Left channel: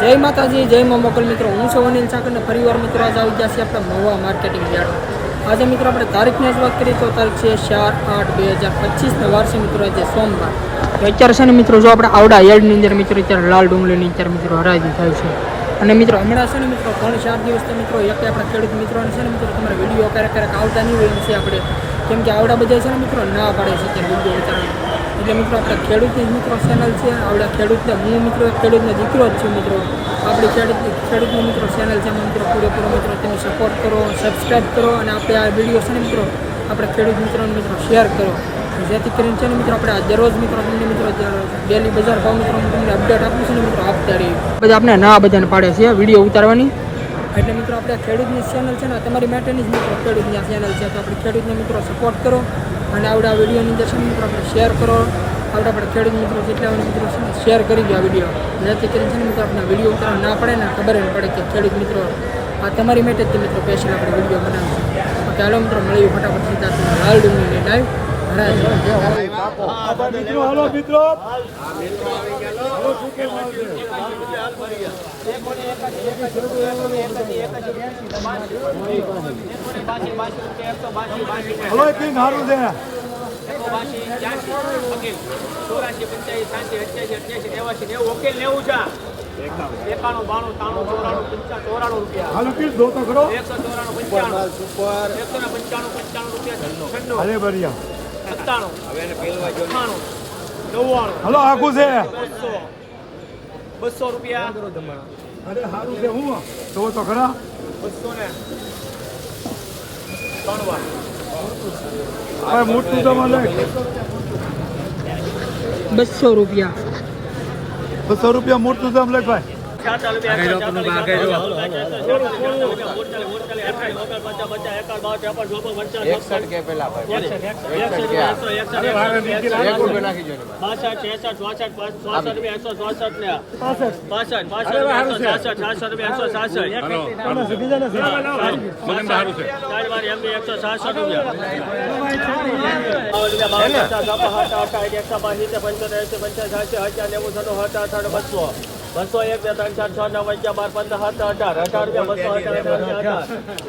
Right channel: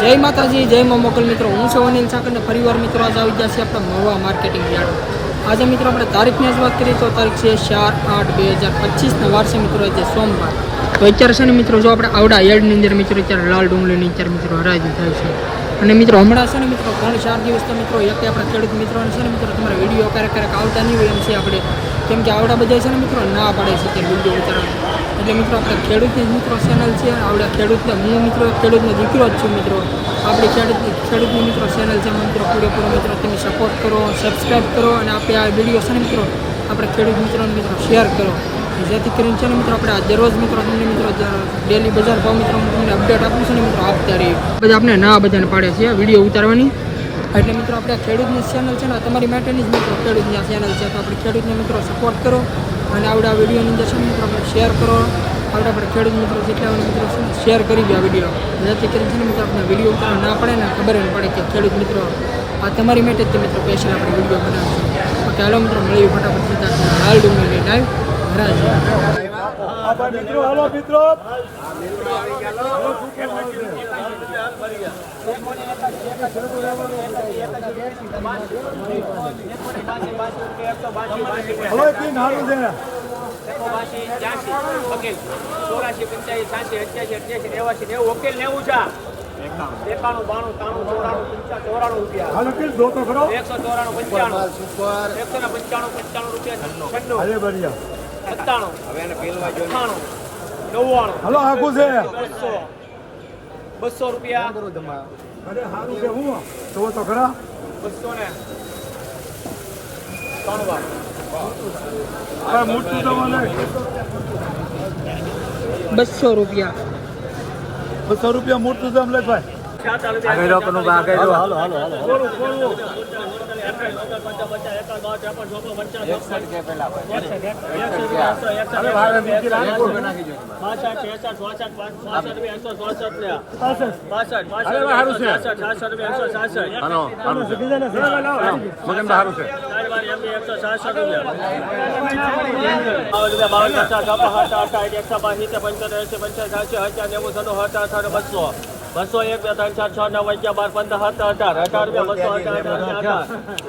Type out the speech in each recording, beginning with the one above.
જય માતાજી, જય મા મોકલ મિત્રો. હું છું અનિલ સાકરને ફરીવાર મિત્રો આજે આવી ગયા છે આપણે મહુવા માર્કેટિંગ યાર્ડ આજે મિત્રો આપણે તારીખની જ વાત કરીએ તો તારીખ છે ચાર આઠ બે હજાર પચીસના વાર મિત્રો આજે સોમવાર. તો અત્યારે છે ને મિત્રો જો આપણે આવડા યાર્ડની અંદર મિત્રો અત્યારે લાલ ડુંગળીની અત્યારે મિત્રો હરાજી થાય છે. અને મિત્રો હમણાં છે ને મિત્રો ત્રણ ચાર દિવસથી મિત્રો એક આપણા ખેડૂત મિત્રોને છે ને મિત્રો તમારે વીડિયો ક્યારેક ક્યારેક આવતા નહીં હોય એમ છે આપણે. કેમ કે આવડા બધા છે ને મિત્રો ના પાડે છે કે વીડિયો ઉતારવાની. એટલે મિત્રો, આપણે ખેડૂતની જ મિત્રો ચેનલ છે. આપણે ખેડૂતને, હું મિત્રો, ખેડૂતનો દીકરો જ છું મિત્રો. આપણી ખેડૂત ખેડૂતની મિત્રો ચેનલ છે. મિત્રો પૂરેપૂરો મિત્રો, તમે સપોર્ટ કરો સબસ્ક્રાઈબ કરો અને આપણે આ વીડિયો છે ને મિત્રો, આપણે ખેડૂત મિત્રોને મિત્રો શેર કરો. જેથી કરીને છે ને મિત્રો, આપણે આ દરરોજ મિત્રો, તમને મિત્રો ડેલી બજાર ભાવ મિત્રો તમને અપડેટ આપું છું ને મિત્રો, આપતા રહીએ. બધા આપણે ના બધાને પાડે છે વીડિયો ઉતારવાની. એટલે મિત્રો, આપણે ખેડૂતની ચેનલ છે ને તમારી માટેની જ મિત્રો ખેડૂતની આ ચેનલ છે. તો આપણે ખેડૂતને મિત્રો સપોર્ટ કરો. અને આવડા વિડીયોની અંદર છે મિત્રો, આપણે શેર કરો. આપણે આપણે ખેડૂત મિત્રો જેટલા મિત્રો શેર કરી દો આ વીડિયો. જેથી કરીને છે મિત્રો આપણે વીડિયો ઉતારવા ના પડે ને, ખબર ન પડે કે ખેડૂત મિત્રો, આ તમારી માટે જ મિત્રો સ્પેશિયલ આપણે વીડિયો બનાવીશું. હાલો મિત્રો, મળીએ ફટાફટ સીધા લાલ ડુંગળીની લાઈવ હરાજી મિત્રો હલો મિત્રો. હલો, આવશે? હલો કેમ સારું છે? ચોરાશી પંચ્યાસી સાસી અઠ્યાસી અઠ્યાસી નેવાસી નેવું વકીલ નેવું છે? એકાણું બાણું ત્રાણું ચોરાણું પંચા ચોરાણું રૂપિયા દો એકસો ચોરાણું પંચાણું એકસો ને પંચાણું પંચાણું રૂપિયા છન્નું અરે સત્તાણું અઠ્ઠાણું. નવ્વાણું. હલો આખું છે. બસો. બસો રૂપિયા. અરે સારું છે હું? તો તો ખરા. બસો ને. ત્રણ વાર. હવે જમા બસો રૂપિયા. બસો રૂપિયા મોટું દમ લખ ભાઈ. સાતા રૂપિયા તમે શીખી જાય ને બસો એક બે ત્રણ ચાર છ નવ અગિયાર બાર પંદર સત્તર અઢાર અઢાર બસો અઢાર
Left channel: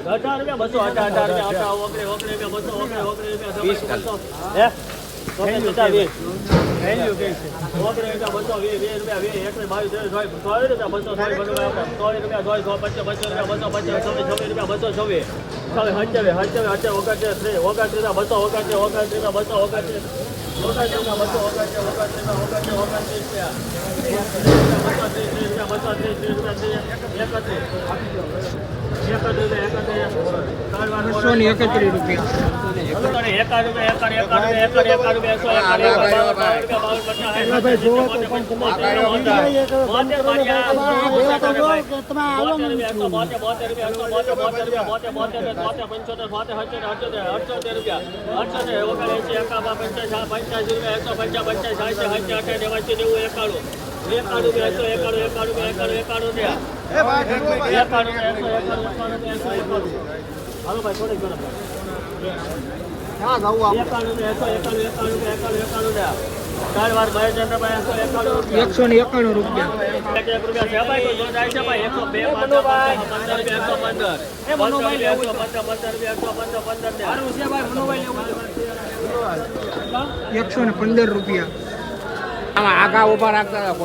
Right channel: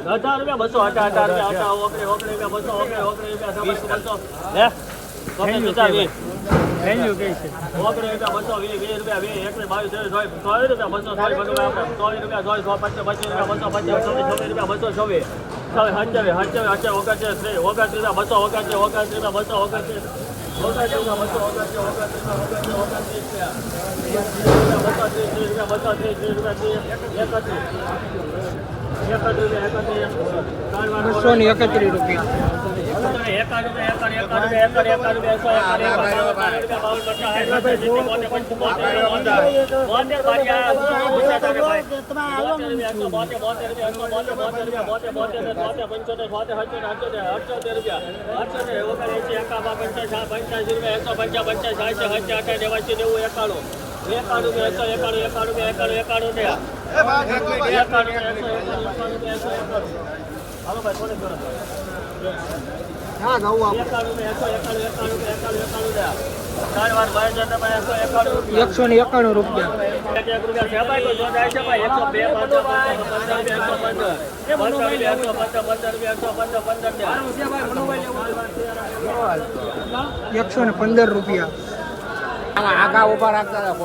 અઢાર બસો અઢાર અઢાર અઢાર ઓગણી ઓગણી બસો ઓગણી ઓગણી રૂપિયા બસો હે ઓગણી બસો વીસ રૂપિયા વીસ એકવીસ બાવીસ રૂપિયા બસો રૂપિયા સો પચાસ પચાસ રૂપિયા બસો પચાસ છવ્વીસ છવ્વીસ રૂપિયા બસો છવ્વીસ હંચાવીસ હંચાવીસ અઠ્યાવીસ ઓગણત્રીસ ત્રીસ ઓગણત્રીસ રૂપિયા બસો ઓગણત્રીસ રૂપિયા બસો ઓગણત્રીસ રૂપિયા બસો બસો ત્રીસ ત્રીસ રૂપિયા એકત્રીસ એકત્રીસ એકત્રીસ બસો ને એકત્રીસ રૂપિયા હાલો એકાણું એકાણું એકાણું એકાણું એકાણું એકસો એકાણું એકસો ને એકાણું રૂપિયા એક એક રૂપિયા છે ભાઈ કોઈ જોડાય પંદર પંદર રૂપિયા એકસો ને એકાણું રૂપિયા. એકસો ને પંદર રૂપિયા. આગા ઊભા રાખતા હતા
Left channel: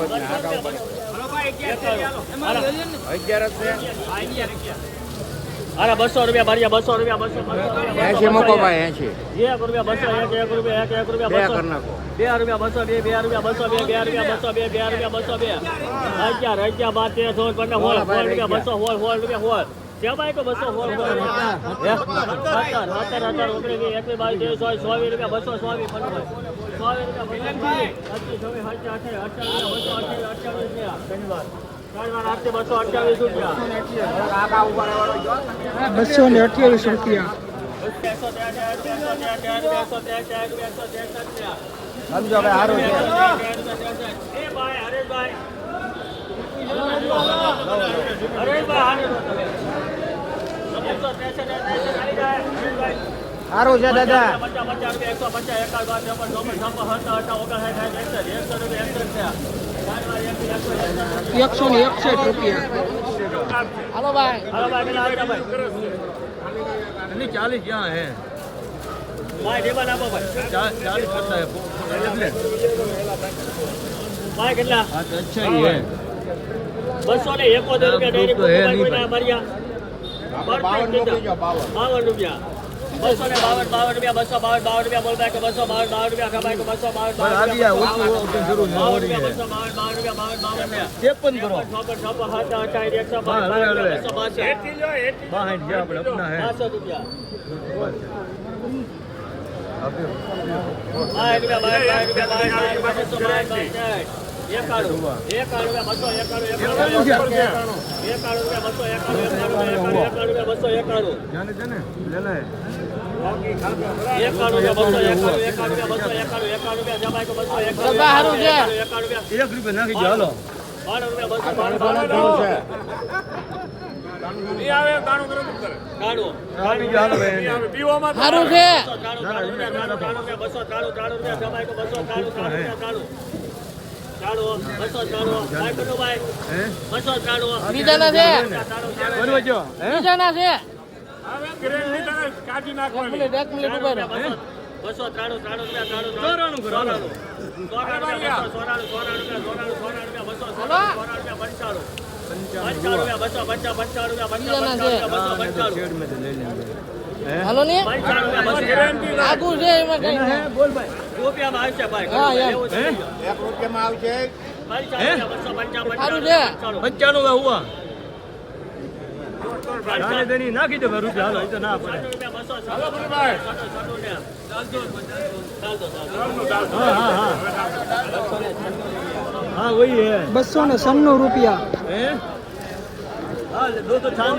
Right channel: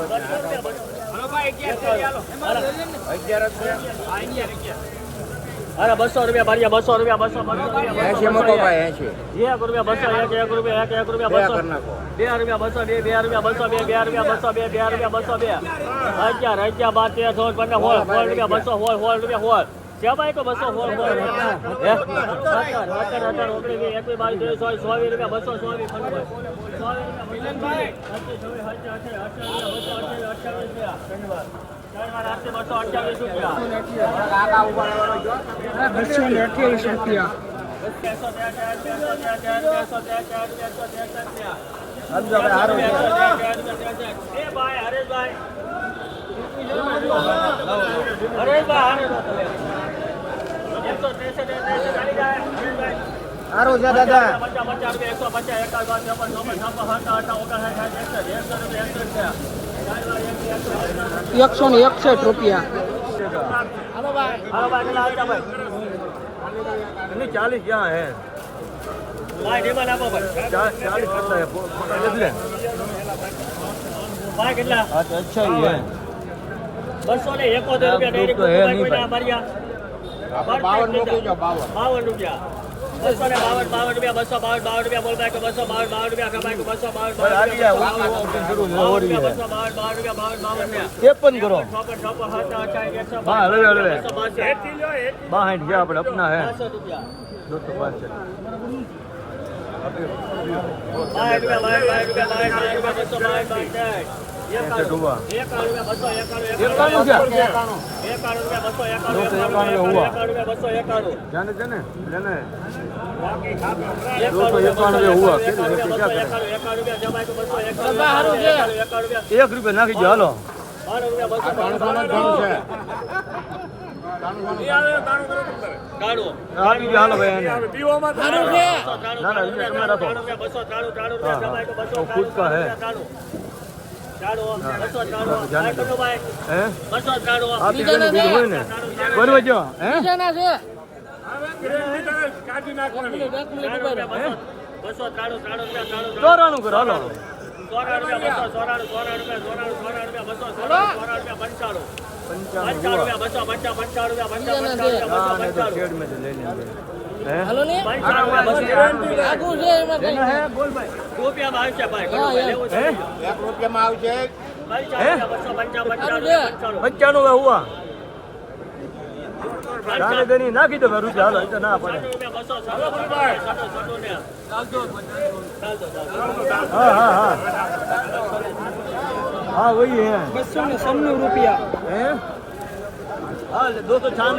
અગિયાર અગિયાર અરે બસો રૂપિયા ભર્યા બસો રૂપિયા બસો એસી મૂકો ભાઈ એસી એક રૂપિયા બસો એક એક રૂપિયા એક એક રૂપિયા બસો. બે રૂપિયા બસો બે બે રૂપિયા બસો બે બે રૂપિયા બસો બે બે રૂપિયા બસો બે. અગિયાર અગિયાર બાર તેર સોળ પંદર સોળ સોળ રૂપિયા બસો સોળ સોળ રૂપિયા સોળ. ભાઈ તો બસો સોળ સોળ સત્તર સત્તર અઢાર ઓગણીસ વીસ એકવીસ બાવીસ ત્રેવીસ ચોવીસ ચોવીસ રૂપિયા બસો ચોવીસ પંદર બસો અઠ્યાવીસ રૂપિયા ને અઠ્યાવીસ રૂપિયા સારું છે દાદા પચાસ પચાસ રૂપિયા એકસો પચાસ એકાદ બાર ત્રેપન ચોપન છપ્પન સત્તર અઠા ઓગણસાઠ સાઠ એકસઠ એકસો રૂપિયા એકસઠ રૂપિયા એકસો ને એકસઠ રૂપિયા હાલો ભાઈ હાલો ભાઈ કેટલા આવ્યા ભાઈ એની ચાલીસ ક્યાં હે ભાઈ ટેબલ આપો ભાઈ ચાલીસ કરતા હે ભાઈ કેટલા હા તો અચ્છા હી હે બસો ને એકોતેર રૂપિયા ડેરી તો હે નહીં કોઈના ભાઈ. માર્યા બાવન રૂપિયા બસો ને બાવન બાવન રૂપિયા બસો બાવન બાવન રૂપિયા બોલ બાઈક બસો બાવન બાવન રૂપિયા ખબાઈક બસો બાવન બાવન આદિ આ રૂપિયા ઊંચી ઊંચી શરૂ છે બાવન ઓડી રૂપિયા હે બસો બાવન બાવન રૂપિયા બાવન બાવન ને ત્રેપન કરો. છપ્પન છપ્પન સાત અઠાવીસ એકસો હા, બાવન હવે, હવે. બસો બાસઠ બાસઠ જે આપણે અપના હે. સાતસો રૂપિયા. દોસ્તો બાસઠ બાવીસ રૂપિયા બાવીસ બાવીસ રૂપિયા બાવીસ બાવીસ રૂપિયા બસો બાવીસ બાવીસ એક રૂપિયા નાખી દો હાલો બાણું બીજાના છે. બસો ત્રાણું ત્રાણું રૂપિયા ત્રાણું રૂપિયા ચોરાણું રૂપિયા બસો પંચાણું. પંચાણું પંચાણું રૂપિયા રૂપિયા પંચા પંચાણું રૂપિયા પંચાણું રૂપિયા હાલો ને? આગું છે એમાં કઈ બોલ ભાઈ. રૂપિયામાં આવશે ભાઈ રૂપિયામાં આવશે? પંચાણું હુવા દાને દેની હા હા હે. બસો ને સન્નો રૂપિયા. હે? હા તો છાન